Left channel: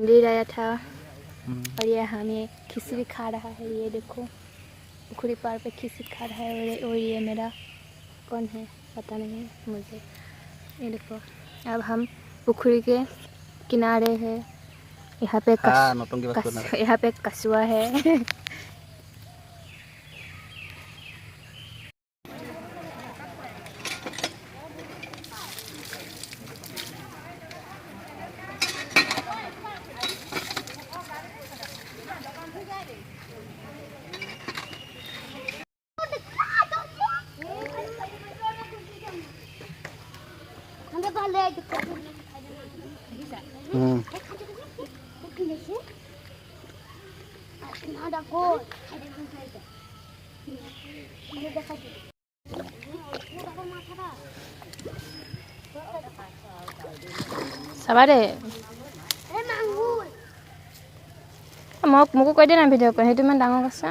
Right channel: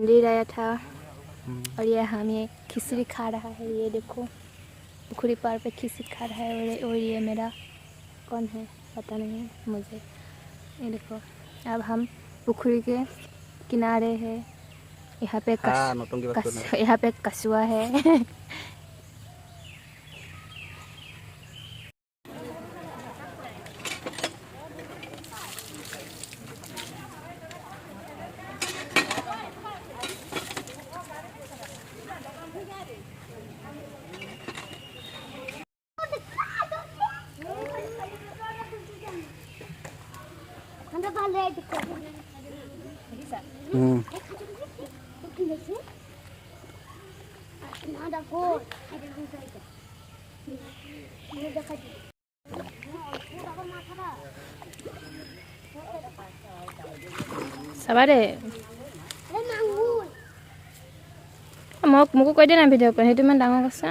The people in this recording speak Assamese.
मंदिर आया था और ये हमें खिचड़ी खा रहा है। ये देखो पुखरी पार पे खिचड़ी खा रहा है और ये मेरा कौन है पता नहीं मुझे। ये देखो अब हम पुखरी के किनारे है। यहाँ पे कछुआ है। Sabade. Mau কৈ দিয়া না ভিডিঅ' কৰি সেইটো ইমান ডাঙৰ আছে।